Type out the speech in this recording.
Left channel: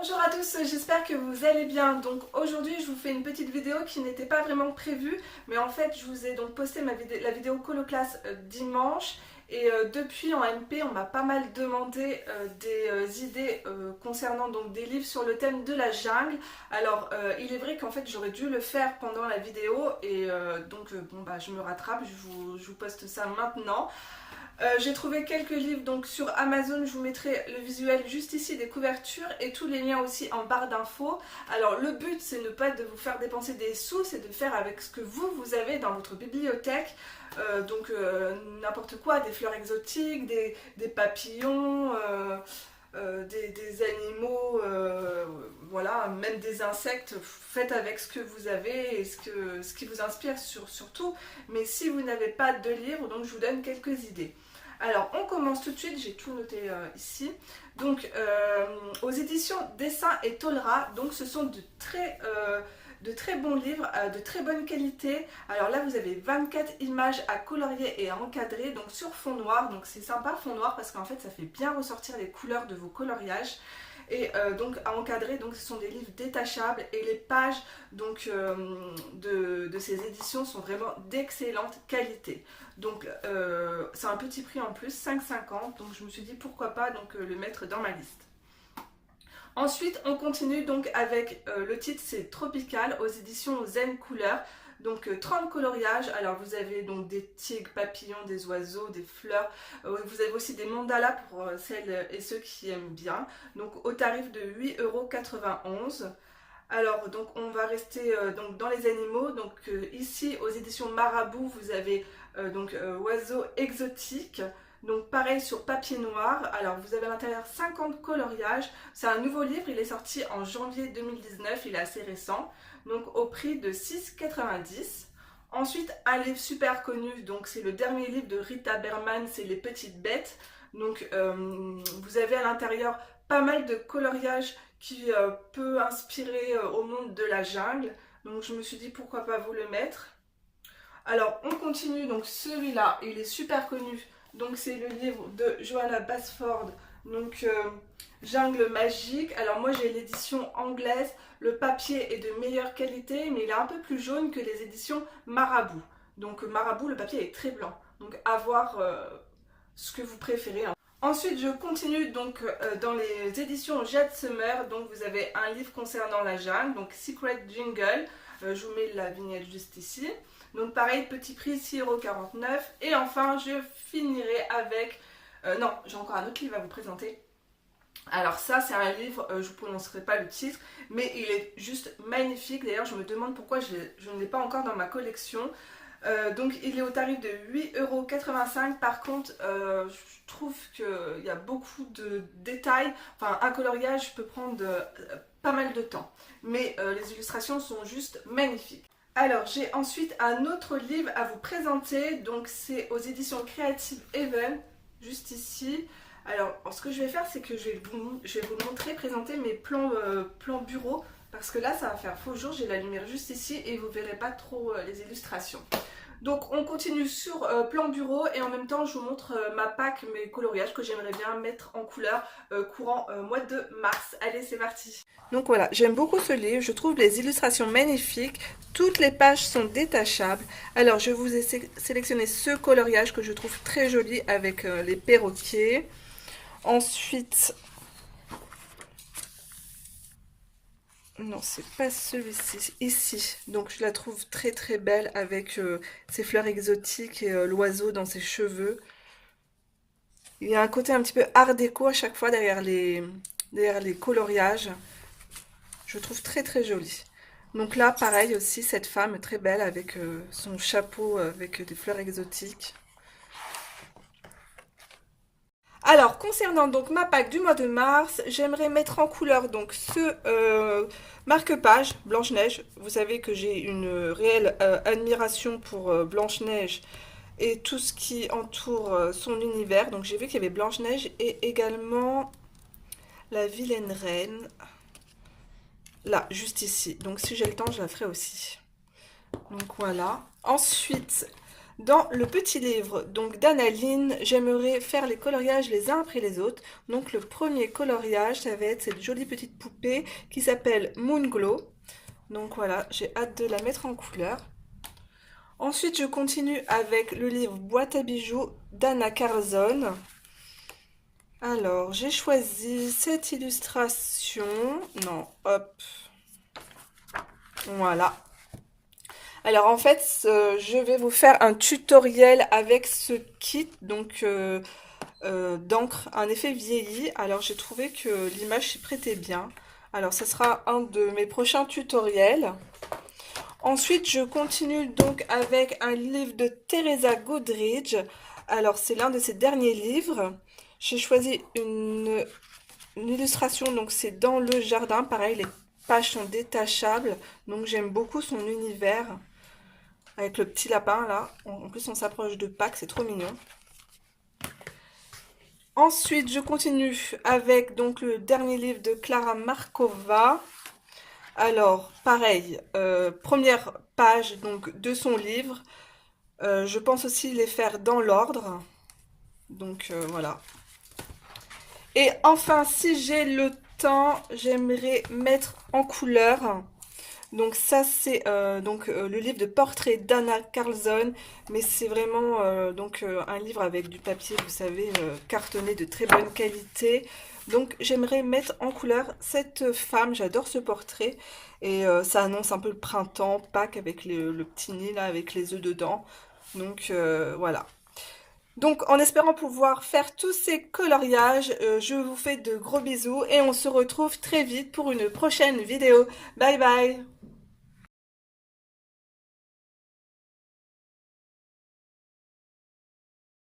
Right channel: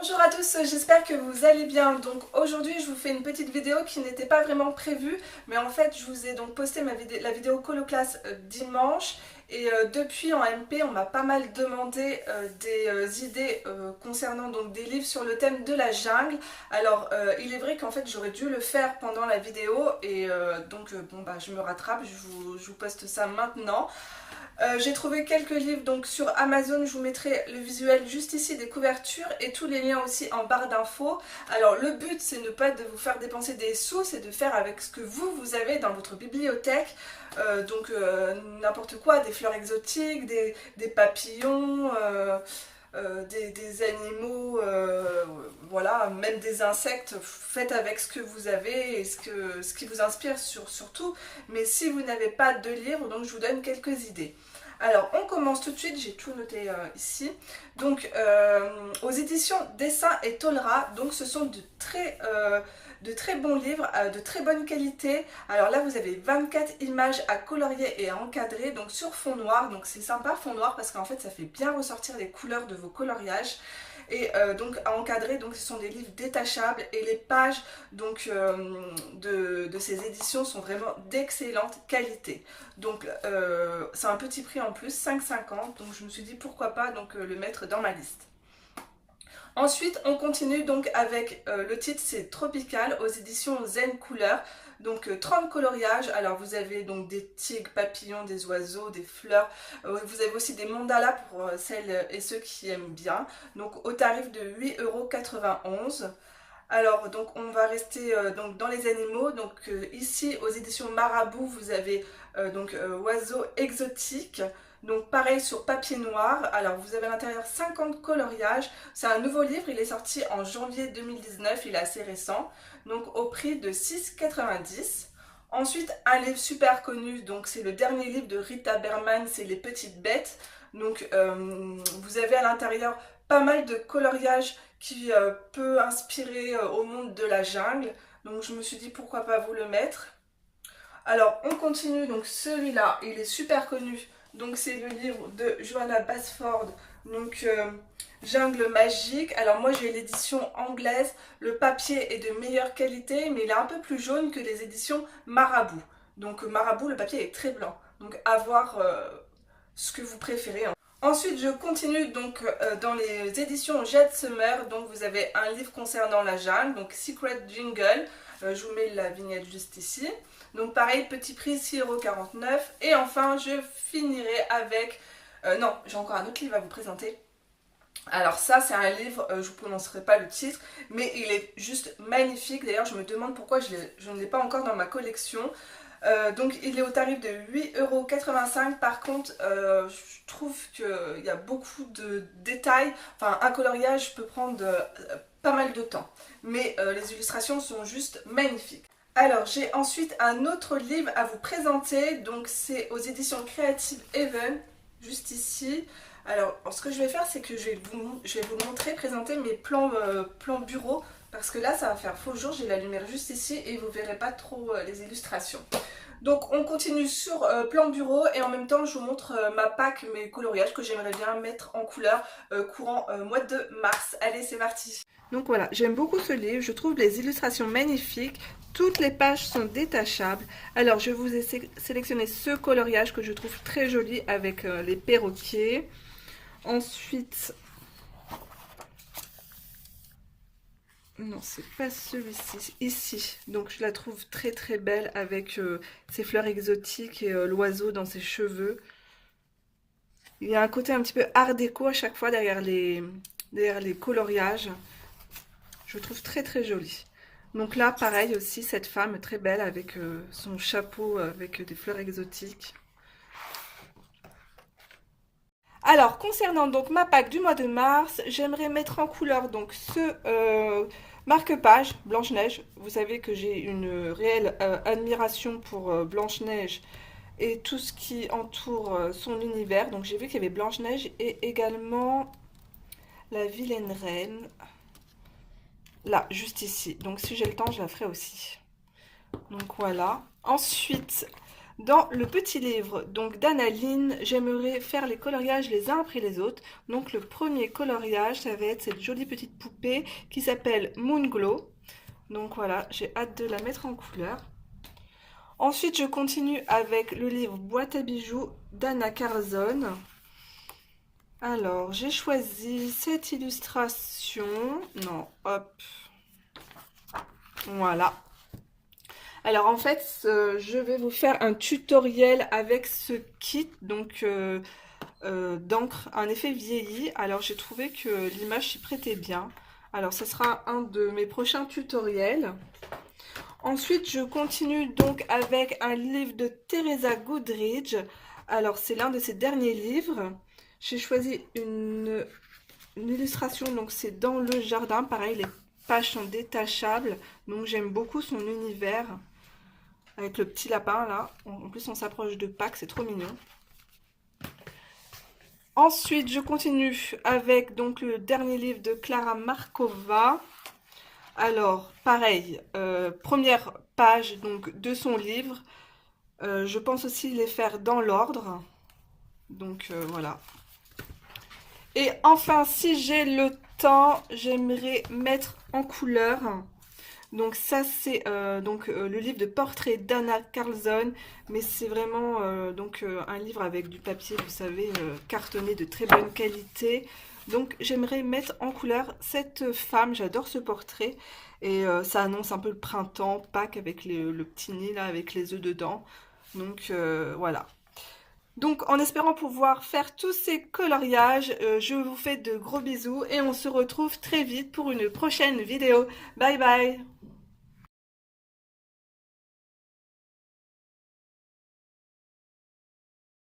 Bonjour à tous, j'espère que vous allez bien. Donc aujourd'hui je vous fais une petite vidéo qui n'était pas vraiment prévue, mais en fait je vous ai donc posté la vidéo Coloclass dimanche et depuis en MP on m'a pas mal demandé des idées concernant donc des livres sur le thème de la jungle. Alors il est vrai qu'en fait j'aurais dû le faire pendant la vidéo et bon bah je me rattrape, je vous poste ça maintenant. J'ai trouvé quelques livres donc sur Amazon, je vous mettrai le visuel juste ici des couvertures et tous les liens aussi en barre d'infos. Alors le but c'est ne pas de vous faire dépenser des sous, c'est de faire avec ce que vous avez dans votre bibliothèque. N'importe quoi, des fleurs exotiques, des papillons, des animaux, voilà, même des insectes. Faites avec ce que vous avez et ce qui vous inspire surtout. Mais si vous n'avez pas de livre, donc je vous donne quelques idées. Alors, on commence tout de suite, j'ai tout noté ici. Donc, aux éditions Dessin et Tolera, donc ce sont de très bons livres, de très bonne qualité. Alors là, vous avez 24 images à colorier et à encadrer, donc sur fond noir. Donc c'est sympa, fond noir, parce qu'en fait, ça fait bien ressortir les couleurs de vos coloriages. Et donc à encadrer, donc ce sont des livres détachables et les pages donc, de ces éditions sont vraiment d'excellente qualité. Donc c'est un petit prix en plus, 5,50, donc je me suis dit pourquoi pas donc, le mettre dans ma liste. Ensuite, on continue donc avec le titre, c'est Tropical aux éditions Zen Couleur. Donc 30 coloriages, alors vous avez donc des tigres, papillons, des oiseaux, des fleurs, vous avez aussi des mandalas pour celles et ceux qui aiment bien, donc au tarif de 8,91 €. Alors donc on va rester donc dans les animaux, donc ici aux éditions Marabout vous avez oiseaux exotiques. Donc pareil sur papier noir, alors vous avez à l'intérieur 50 coloriages, c'est un nouveau livre, il est sorti en janvier 2019, il est assez récent, donc au prix de 6,90 €. Ensuite un livre super connu, donc c'est le dernier livre de Rita Berman, c'est Les Petites Bêtes, donc vous avez à l'intérieur pas mal de coloriages qui peut inspirer au monde de la jungle, donc je me suis dit pourquoi pas vous le mettre. Alors on continue, donc celui-là il est super connu, donc c'est le livre de Johanna Basford, donc Jungle Magique. Alors moi j'ai l'édition anglaise, le papier est de meilleure qualité mais il est un peu plus jaune que les éditions Marabout. Donc Marabout le papier est très blanc, donc à voir ce que vous préférez, hein. Ensuite, je continue donc dans les éditions Jade Summer. Donc, vous avez un livre concernant la jungle, donc Secret Jungle. Je vous mets la vignette juste ici. Donc, pareil, petit prix 6,49 €. Et enfin, je finirai avec. Non, j'ai encore un autre livre à vous présenter. Alors, ça, c'est un livre, je ne vous prononcerai pas le titre, mais il est juste magnifique. D'ailleurs, je me demande pourquoi je ne l'ai pas encore dans ma collection. Donc il est au tarif de 8,85 €. Par contre, je trouve qu'il y a beaucoup de détails. Enfin, un coloriage peut prendre pas mal de temps. Mais les illustrations sont juste magnifiques. Alors, j'ai ensuite un autre livre à vous présenter. Donc, c'est aux éditions Creative Haven, juste ici. Alors, ce que je vais faire, c'est que je vais vous montrer, présenter mes plans bureau. Parce que là, ça va faire faux jour, j'ai la lumière juste ici et vous ne verrez pas trop les illustrations. Donc on continue sur plan bureau et en même temps je vous montre ma pack, mes coloriages que j'aimerais bien mettre en couleur courant mois de mars. Allez, c'est parti. Donc voilà, j'aime beaucoup ce livre, je trouve les illustrations magnifiques, toutes les pages sont détachables. Alors je vous ai sélectionné ce coloriage que je trouve très joli avec les perroquets. Ensuite, non, c'est pas celui-ci, ici. Donc je la trouve très très belle avec ses fleurs exotiques et l'oiseau dans ses cheveux. Il y a un côté un petit peu art déco à chaque fois derrière les coloriages. Je trouve très très joli. Donc là, pareil aussi, cette femme très belle avec son chapeau avec des fleurs exotiques. Alors, concernant donc ma pack du mois de mars, j'aimerais mettre en couleur donc ce marque-page Blanche-Neige. Vous savez que j'ai une réelle admiration pour Blanche-Neige et tout ce qui entoure son univers. Donc j'ai vu qu'il y avait Blanche-Neige et également la vilaine reine. Là, juste ici. Donc si j'ai le temps, je la ferai aussi. Donc voilà. Ensuite, Dans le petit livre donc d'Annaline, j'aimerais faire les coloriages les uns après les autres. Donc le premier coloriage, ça va être cette jolie petite poupée qui s'appelle Moon Glow. Donc voilà, j'ai hâte de la mettre en couleur. Ensuite, je continue avec le livre Boîte à bijoux d'Anna Carlzon. Alors, j'ai choisi cette illustration. Non, hop. Voilà. Alors, en fait, je vais vous faire un tutoriel avec ce kit, donc d'encre, un effet vieilli. Alors, j'ai trouvé que l'image s'y prêtait bien. Alors, ce sera un de mes prochains tutoriels. Ensuite, je continue donc avec un livre de Teresa Goodridge. Alors, c'est l'un de ses derniers livres. J'ai choisi une illustration, donc c'est dans le jardin. Pareil, les pages sont détachables. Donc, j'aime beaucoup son univers. Avec le petit lapin, là. En plus, on s'approche de Pâques, c'est trop mignon. Ensuite, je continue avec donc le dernier livre de Klara Markova. Alors, pareil, première page donc de son livre. Je pense aussi les faire dans l'ordre. Donc voilà. Et enfin, si j'ai le temps, j'aimerais mettre en couleur. Donc ça, c'est le livre de portrait d'Anna Carlzon. Mais c'est vraiment un livre avec du papier, vous savez, cartonné de très bonne qualité. Donc j'aimerais mettre en couleur cette femme, j'adore ce portrait. Et ça annonce un peu le printemps, Pâques avec le petit nid là, avec les œufs dedans. Donc voilà. Donc en espérant pouvoir faire tous ces coloriages, je vous fais de gros bisous et on se retrouve très vite pour une prochaine vidéo. Bye bye!